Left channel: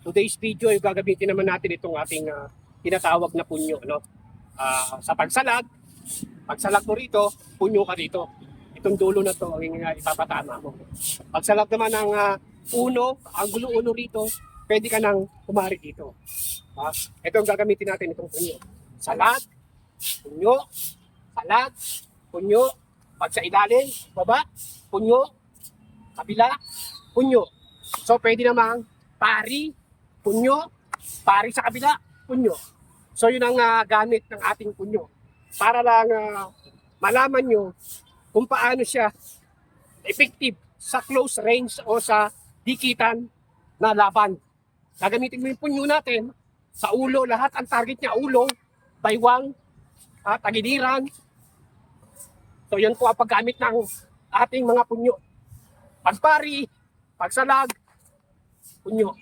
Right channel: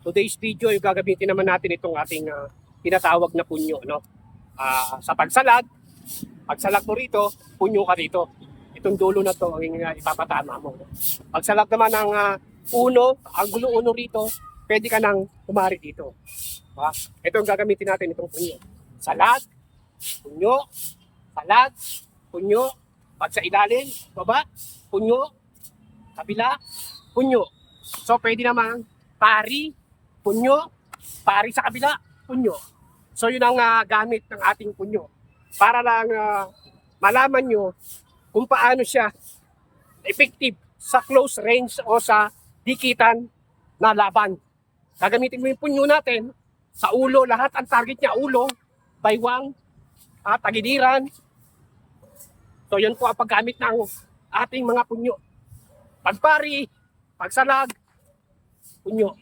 Today's video, yung gagamitin naman natin itong ating tinatawag na punyo, no? Sa pagsalag mo rito, punyo ka dito. Itong dulo na to, yung ipapatama mo. Pagsalag naman ng ang gulo uno rito, pwede ka nang kumari dito. Ito ang gagamitin natin, itong punyo. Salag, punyo, salag, punyo. Pag sa ilalim, baba, punyo, kabila, punyo. So pwede namang pari, punyo, pari sa kabila, punyo. So yun ang gamit ng ating punyo. Para lang malaman nyo kung paano siya effective sa close range o sa dikitan na laban. Gagamitin mo yung punyo natin sa ulo, lahat ang target niya ulo, baywang, tagiliran. So yun po ang paggamit ng ating mga punyo. Pagpari, pagsalag, punyo.